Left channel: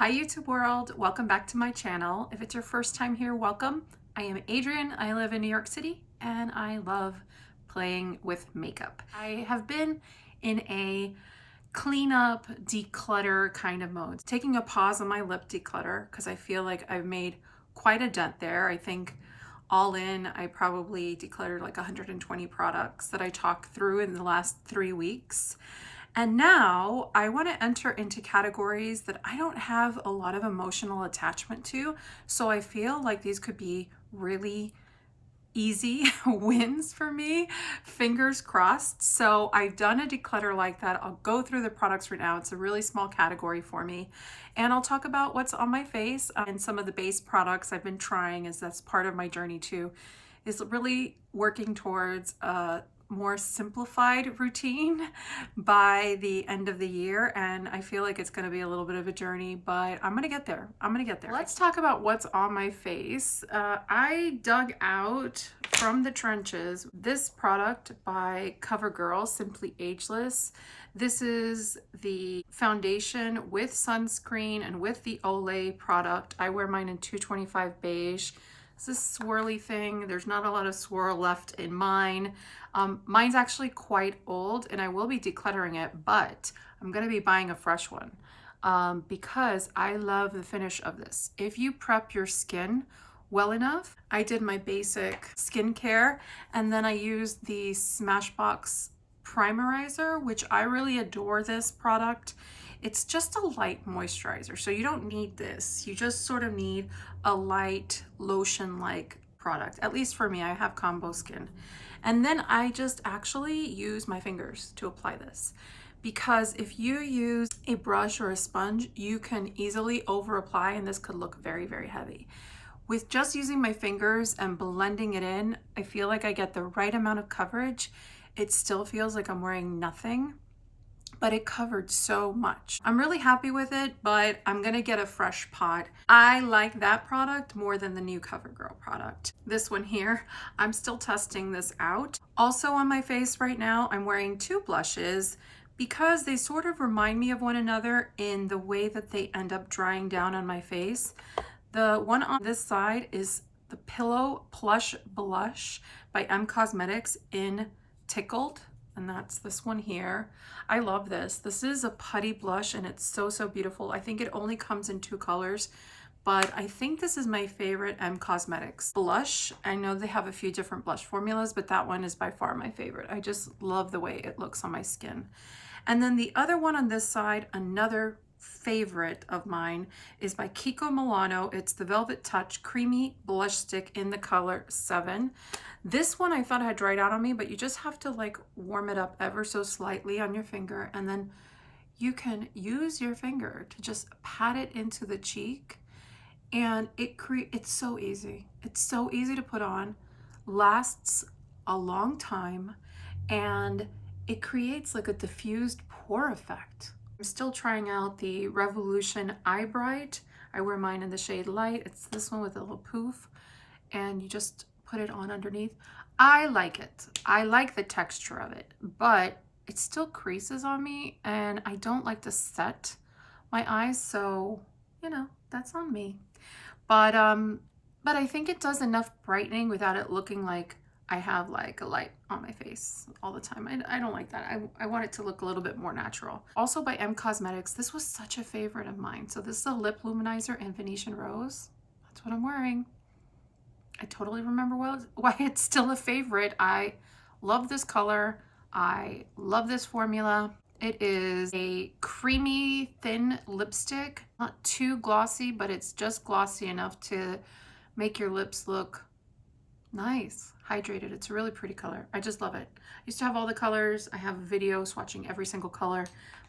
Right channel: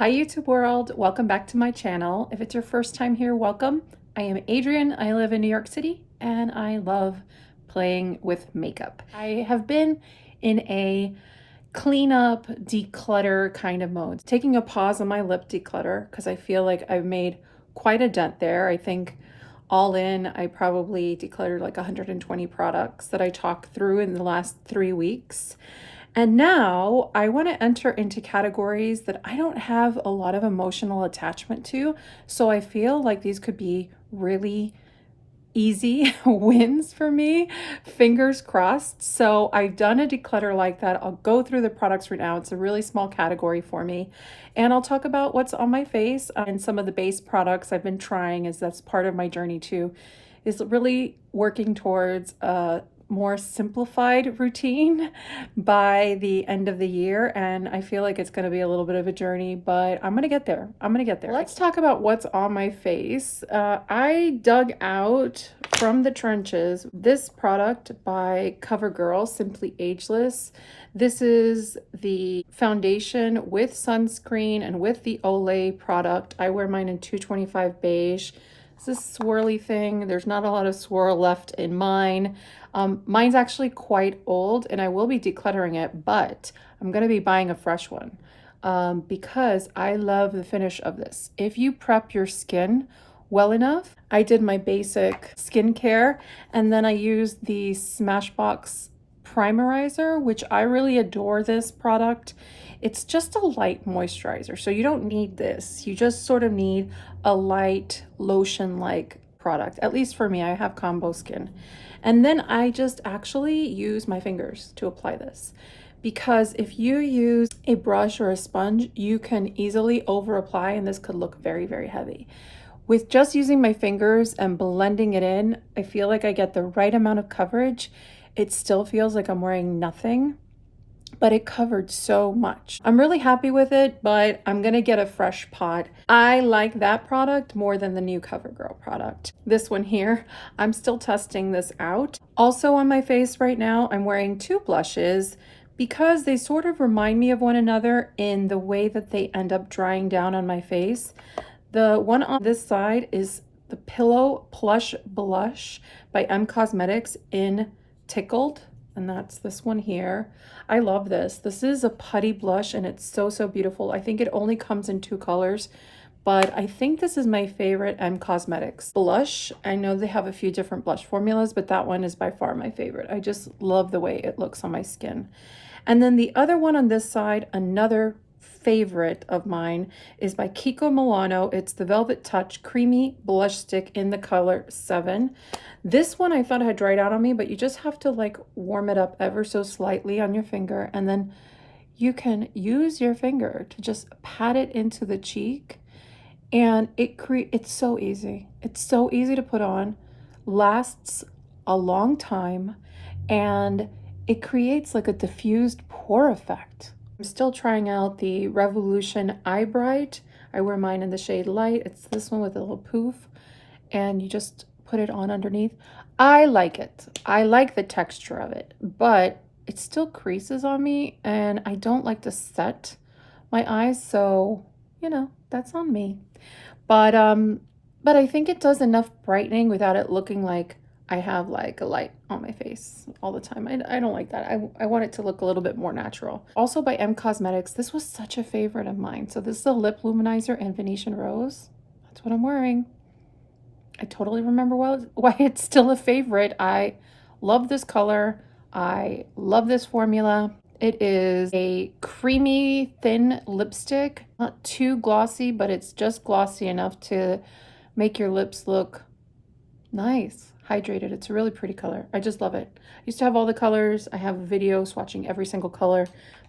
Hi YouTube world, welcome back to my channel. If it's your first time here, welcome. I am Adrienne, I live in New York City, and I love playing with makeup. I have been in a cleanup, declutter kind of mode. Taking a pause on my lip declutter because I feel like I've made quite a dent there. I think all in, I probably decluttered like 120 products that I talked through in the last 3 weeks. And now I want to enter into categories that I don't have a lot of emotional attachment to. So I feel like these could be really easy wins for me, fingers crossed. So I've done a declutter like that. I'll go through the products right now. It's a really small category for me. And I'll talk about what's on my face and some of the base products I've been trying, as that's part of my journey too, is really working towards a more simplified routine by the end of the year. And I feel like it's going to be a little bit of a journey, but I'm going to get there. I'm going to get there. Let's talk about what's on my face. I dug out from the trenches this product by CoverGirl, Simply Ageless. This is the foundation with sunscreen and with the Olay product. I wear mine in 225 beige. It's this swirly thing. There's not a lot of swirl left in mine. Mine's actually quite old and I will be decluttering it, but I'm going to be buying a fresh one because I love the finish of this. If you prep your skin well enough, I did my basic skincare and then I used the Smashbox Primerizer, which I really adore this product. It's just a light moisturizer, so you don't need this. You just sort of need a light lotion-like product. At least for me, I have combo skin. And then I just actually use my fingers to apply this, because if you use a brush or a sponge, you can easily over apply and this could look very, very heavy. With just using my fingers and blending it in, I feel like I get the right amount of coverage. It still feels like I'm wearing nothing, but it covered so much. I'm really happy with it, but I'm gonna get a fresh pot. I like that product more than the new CoverGirl product. This one here, I'm still testing this out. Also on my face right now, I'm wearing two blushes because they sort of remind me of one another in the way that they end up drying down on my face. The one on this side is the Pillow Plush Blush by M Cosmetics in Tickled, and that's this one here. I love this. This is a putty blush and it's so, so beautiful. I think it only comes in 2 colors, but I think this is my favorite M Cosmetics blush. I know they have a few different blush formulas, but that one is by far my favorite. I just love the way it looks on my skin. And then the other one on this side, another favorite of mine, is by Kiko Milano. It's the Velvet Touch Creamy Blush Stick in the color 7. This one I thought had dried out on me, but you just have to like warm it up ever so slightly on your finger, and then you can use your finger to just pat it into the cheek, and it's so easy. It's so easy to put on, lasts a long time, and it creates like a diffused pore effect. I'm still trying out the Revolution Eye Bright. I wear mine in the shade Light. It's this one with a little poof, and you just put it on underneath. I like it. I like the texture of it, but it still creases on me, and I don't like to set my eyes, so you know, that's on me. But I think it does enough brightening without it looking like I have like a light on my face all the time. I don't like that. I want it to look a little bit more natural. Also by M Cosmetics, this was such a favorite of mine. So this is a lip luminizer in Venetian Rose. That's what I'm wearing. I totally remember why it's still a favorite. I love this color. I love this formula. It is a creamy, thin lipstick. Not too glossy, but it's just glossy enough to make your lips look nice. Hydrated. It's a really pretty color. I just love it. I used to have all the colors. I have a video swatching every single color,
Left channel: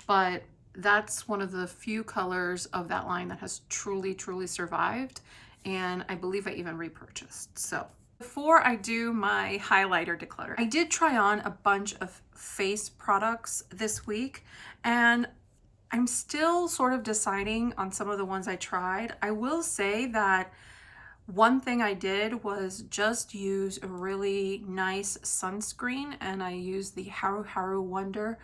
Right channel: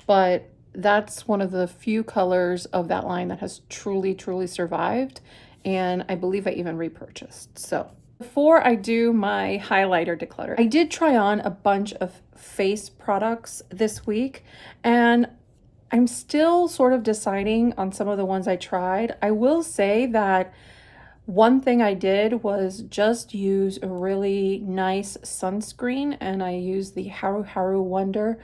but that's one of the few colors of that line that has truly, truly survived. And I believe I even repurchased. So before I do my highlighter declutter, I did try on a bunch of face products this week, and I'm still sort of deciding on some of the ones I tried. I will say that one thing I did was just use a really nice sunscreen, and I used the HaruHaru Wonder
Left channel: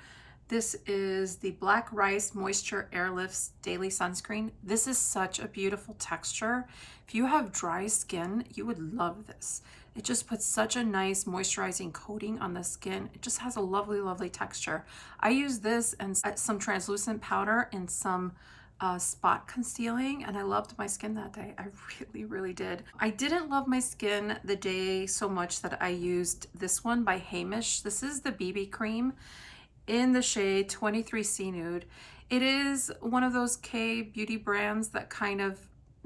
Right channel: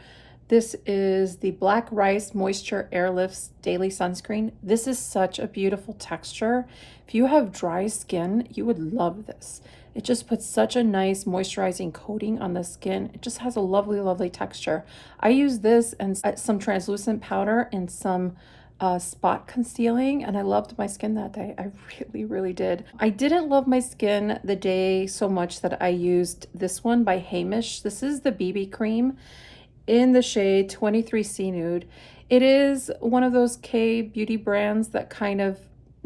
This is the Black Rice Moisture Airlifts Daily Sunscreen. This is such a beautiful texture. If you have dry skin, you would love this. It just puts such a nice moisturizing coating on the skin. It just has a lovely, lovely texture. I use this and some translucent powder and some spot concealing, and I loved my skin that day. I really, really did. I didn't love my skin the day so much that I used this one by Heimish. This is the BB cream in the shade 23C Nude. It is one of those K beauty brands that kind of,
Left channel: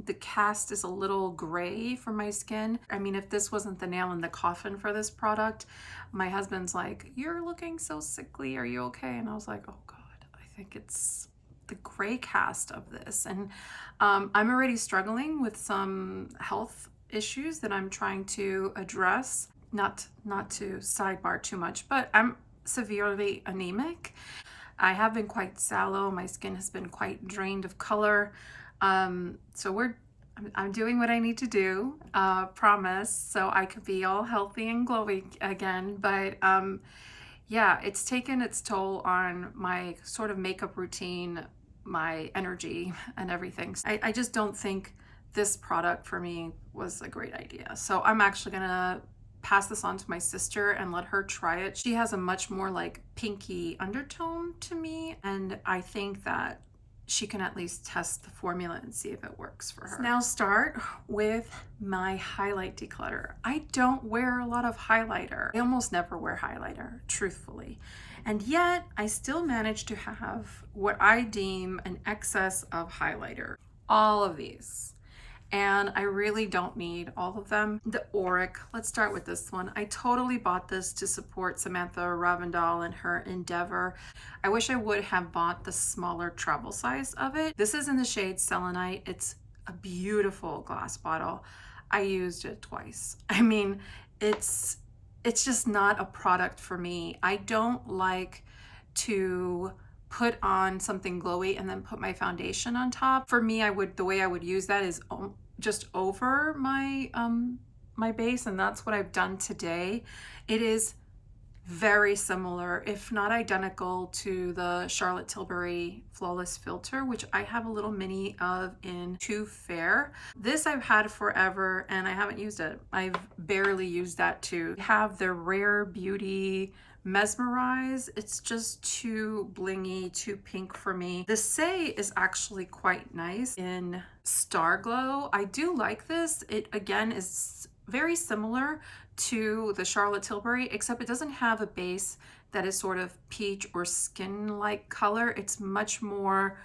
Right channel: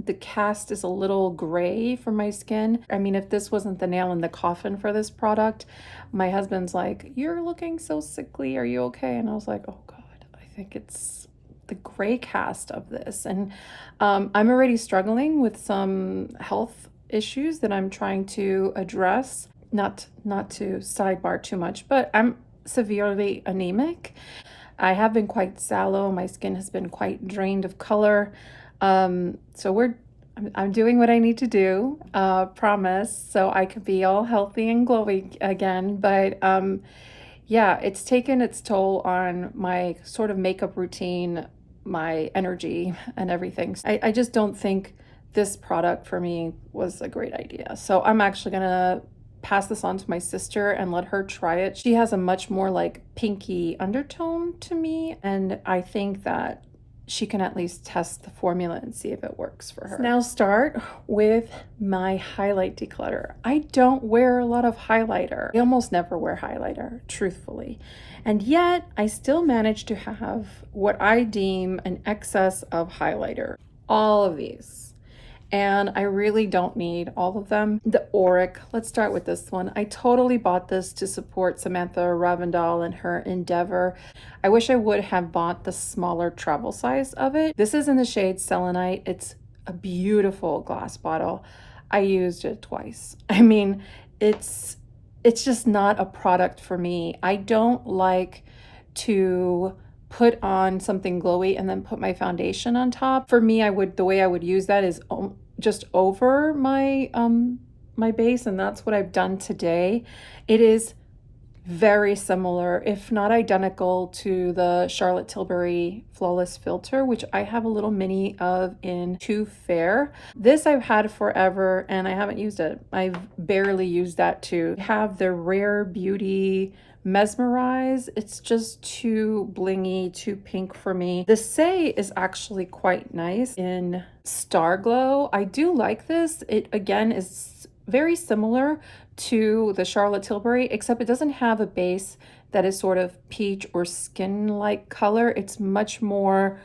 the cast is a little gray for my skin. I mean, if this wasn't the nail in the coffin for this product, my husband's like, "You're looking so sickly, are you okay?" And I was like, oh God, I think it's the gray cast of this. And I'm already struggling with some health issues that I'm trying to address. Not to sidebar too much, but I'm severely anemic. I have been quite sallow. My skin has been quite drained of color. So I'm doing what I need to do, promise, so I could be all healthy and glowy again. But yeah, it's taken its toll on my sort of makeup routine, my energy and everything. I just don't think this product for me was a great idea. So I'm actually gonna pass this on to my sister and let her try it. She has a much more like pinky undertone to me, and I think that she can at least test the formula and see if it works for her. So now start with my highlight declutter. I don't wear a lot of highlighter. I almost never wear highlighter, truthfully. And yet I still manage to have what I deem an excess of highlighter. All of these. And I really don't need all of them. The Auric, let's start with this one. I totally bought this to support Samantha Ravindal and her endeavor. I wish I would have bought the smaller travel size of it. This is in the shade Selenite. It's a beautiful glass bottle. I used it twice. I mean, it's just not a product for me. I don't like to put on something glowy and then put my foundation on top. For me, the way I would use that is just over my my base, and that's what I've done today. It is very similar, if not identical, to the Charlotte Tilbury Flawless Filter, which I have a little mini of in Too Fair. This I've had forever and I haven't used it. I've barely used that too. I have the Rare Beauty Mesmerize. It's just too blingy, too pink for me. The Saie is actually quite nice in Starglow. I do like this. It again is very similar to the Charlotte Tilbury, except it doesn't have a base that is sort of peach or skin-like color. It's much more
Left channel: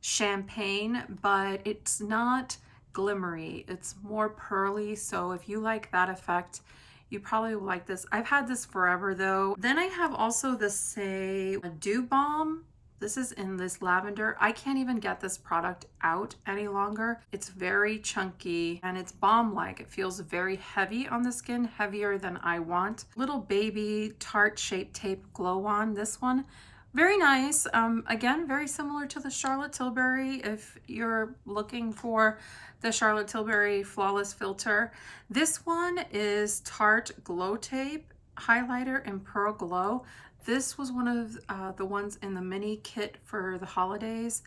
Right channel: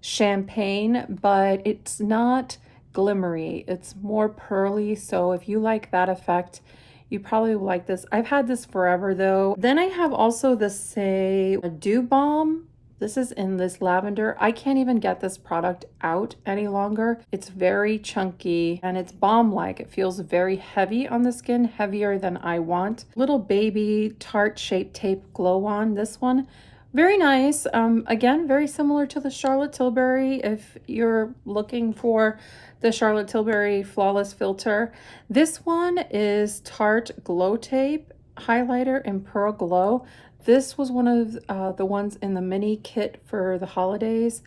champagne, but it's not glimmery. It's more pearly. So if you like that effect, you probably will like this. I've had this forever though. Then I have also the Saie Dew Balm. This is in this lavender. I can't even get this product out any longer. It's very chunky and it's balm-like. It feels very heavy on the skin, heavier than I want. Little baby Tarte Shape Tape Glow On, this one. Very nice. Again, very similar to the Charlotte Tilbury if you're looking for the Charlotte Tilbury Flawless Filter. This one is Tarte Glow Tape Highlighter in Pearl Glow. This was one of the ones in the mini kit for the holidays.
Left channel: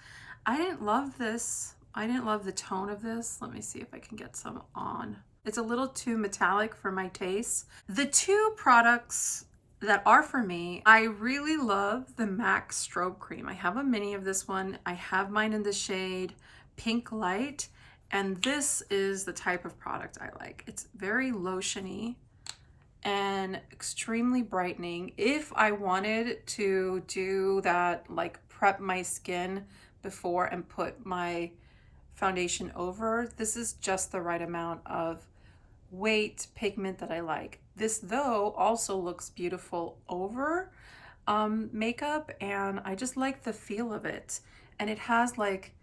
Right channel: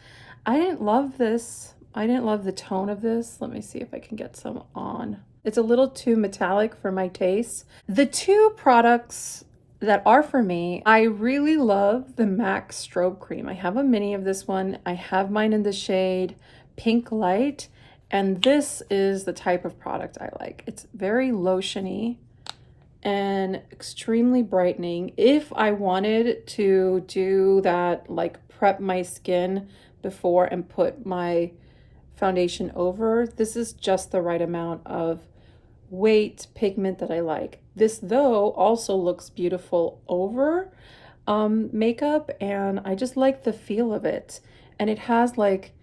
I didn't love this. I didn't love the tone of this. Let me see if I can get some on. It's a little too metallic for my taste. The two products that are for me, I really love the MAC Strobe Cream. I have a mini of this one. I have mine in the shade Pink Light, and this is the type of product I like. It's very lotiony and extremely brightening. If I wanted to do that, like prep my skin before and put my foundation over, this is just the right amount of weight pigment that I like. This though also looks beautiful over makeup, and I just like the feel of it, and it has like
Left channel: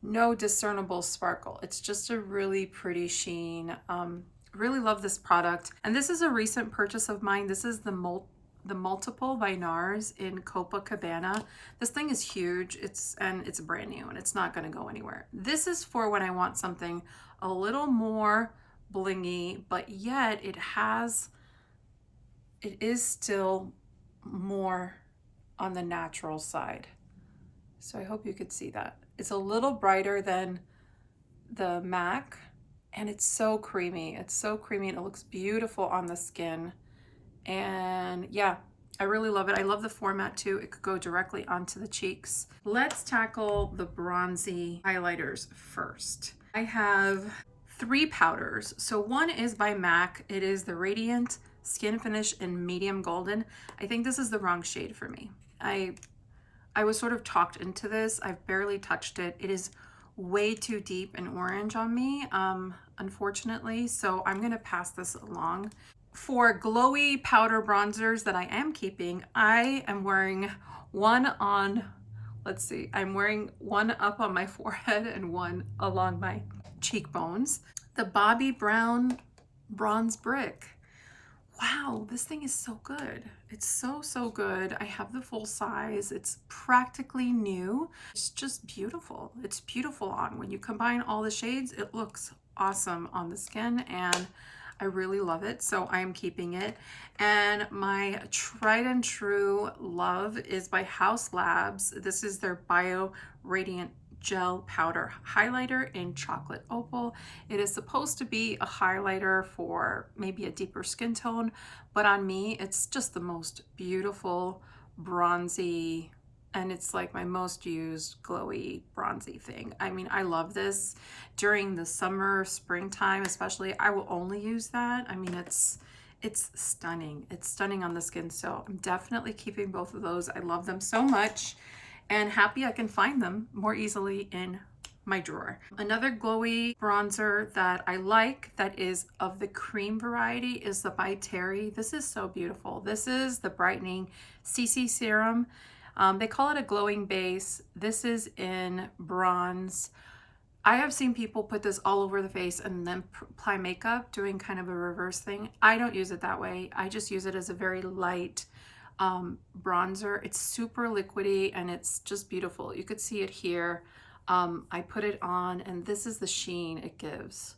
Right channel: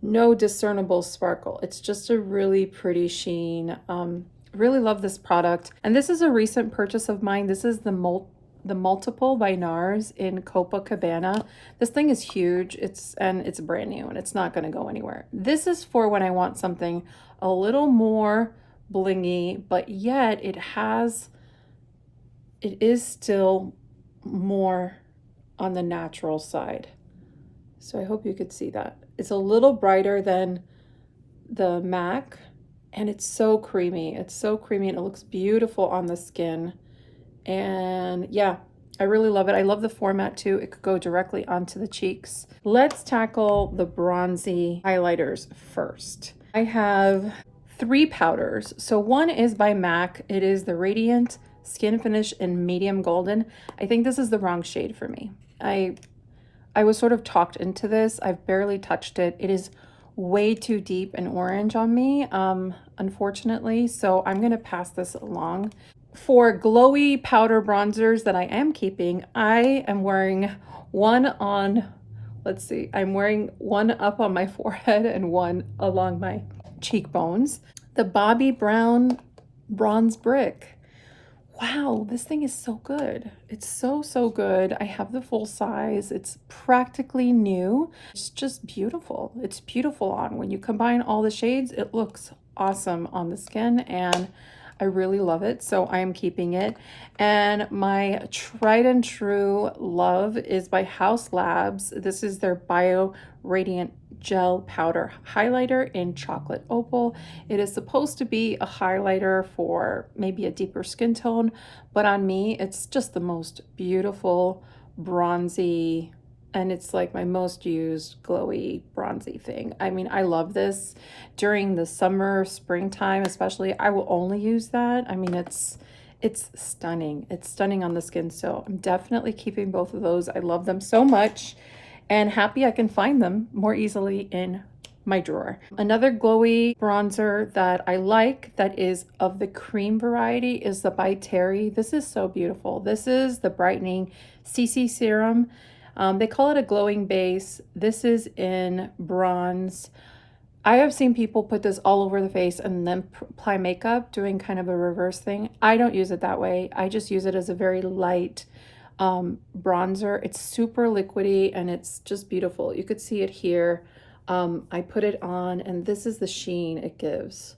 no discernible sparkle. It's just a really pretty sheen. Really love this product, and this is a recent purchase of mine. This is the Multiple by NARS in Copacabana. This thing is huge. It's brand new and it's not going to go anywhere. This is for when I want something a little more blingy, but yet it is still more on the natural side. So I hope you could see that. It's a little brighter than the MAC, and it's so creamy. It's so creamy and it looks beautiful on the skin. And yeah, I really love it. I love the format too. It could go directly onto the cheeks. Let's tackle the bronzy highlighters first. I have 3 powders. So one is by MAC. It is the Radiant Skin Finish in Medium Golden. I think this is the wrong shade for me. I was sort of talked into this. I've barely touched it. It is way too deep and orange on me, unfortunately. So I'm gonna pass this along. For glowy powder bronzers that I am keeping, I am wearing one on, let's see, I'm wearing one up on my forehead and one along my cheekbones. The Bobbi Brown Bronze Brick. Wow, this thing is so good. It's so, so good. I have the full size. It's practically new. It's just beautiful. It's beautiful on. When you combine all the shades, it looks awesome on the skin, and I really love it. So I am keeping it. And my tried and true love is by Haus Labs. This is their Bio Radiant Gel Powder Highlighter in Chocolate Opal. It is supposed to be a highlighter for maybe a deeper skin tone, but on me, it's just the most beautiful bronzy, and it's like my most used glowy bronzy thing. I mean, I love this during the summer, springtime, especially. I will only use that. I mean, it's stunning. It's stunning on the skin. So I'm definitely keeping both of those. I love them so much, and happy I can find them more easily in my drawer. Another glowy bronzer that I like that is of the cream variety is the by Terry. This is so beautiful. This is the brightening CC serum. They call it a glowing base. This is in bronze. I have seen people put this all over the face and then apply makeup, doing kind of a reverse thing. I don't use it that way. I just use it as a very light bronzer. It's super liquidy and it's just beautiful. You could see it here. I put it on and this is the sheen it gives.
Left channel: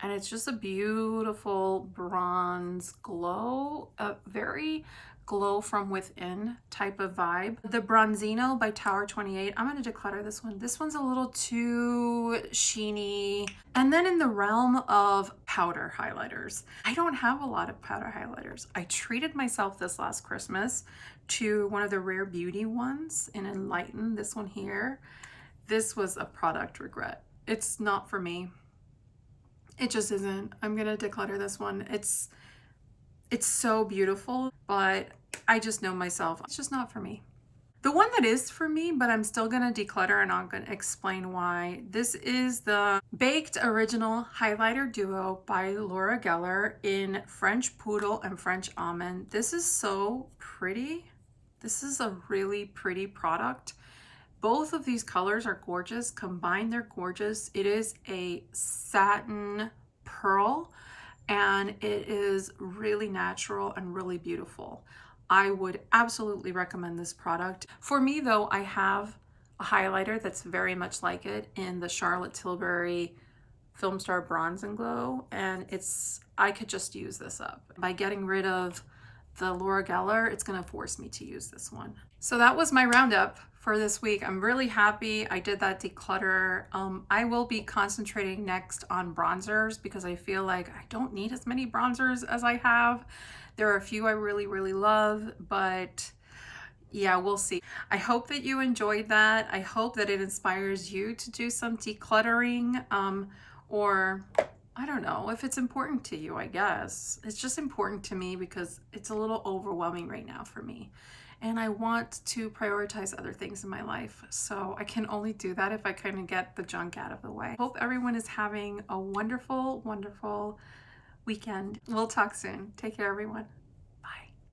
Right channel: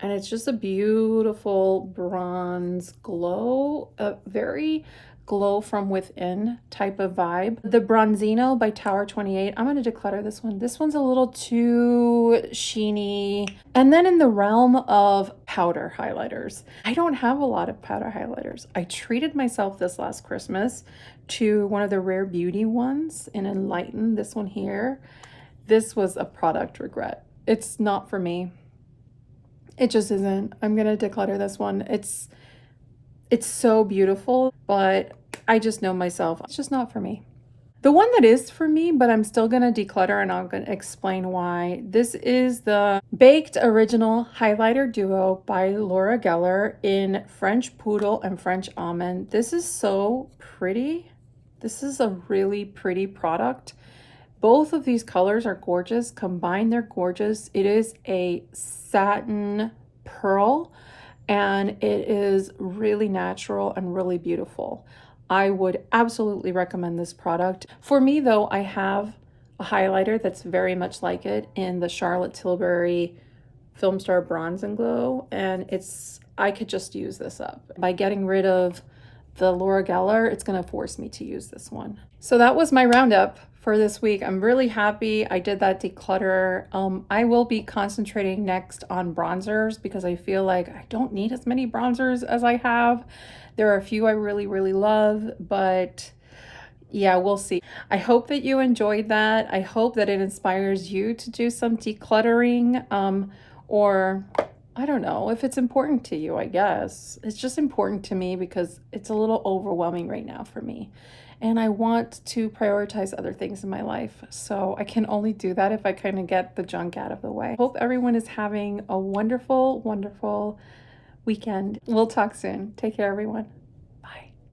And it's just a beautiful bronze glow, a very glow from within type of vibe. The Bronzino by Tower 28. I'm going to declutter this one. This one's a little too sheeny. And then in the realm of powder highlighters, I don't have a lot of powder highlighters. I treated myself this last Christmas to one of the Rare Beauty ones in Enlighten, this one here. This was a product regret. It's not for me. It just isn't. I'm gonna declutter this one. It's so beautiful, but I just know myself. It's just not for me. The one that is for me, but I'm still gonna declutter and I'm gonna explain why. This is the Baked Original Highlighter Duo by Laura Geller in French Poodle and French Almond. This is so pretty. This is a really pretty product. Both of these colors are gorgeous. Combined, they're gorgeous. It is a satin pearl and it is really natural and really beautiful. I would absolutely recommend this product. For me though, I have a highlighter that's very much like it in the Charlotte Tilbury Film Star Bronze and Glow, and I could just use this up. By getting rid of the Laura Geller, it's gonna force me to use this one. So that was my roundup for this week. I'm really happy I did that declutter. I will be concentrating next on bronzers because I feel like I don't need as many bronzers as I have. There are a few I really, really love, but yeah, we'll see. I hope that you enjoyed that. I hope that it inspires you to do some decluttering, or I don't know if it's important to you, I guess. It's just important to me because it's a little overwhelming right now for me. And I want to prioritize other things in my life. So I can only do that if I kind of get the junk out of the way. Hope everyone is having a wonderful, wonderful weekend. We'll talk soon. Take care, everyone.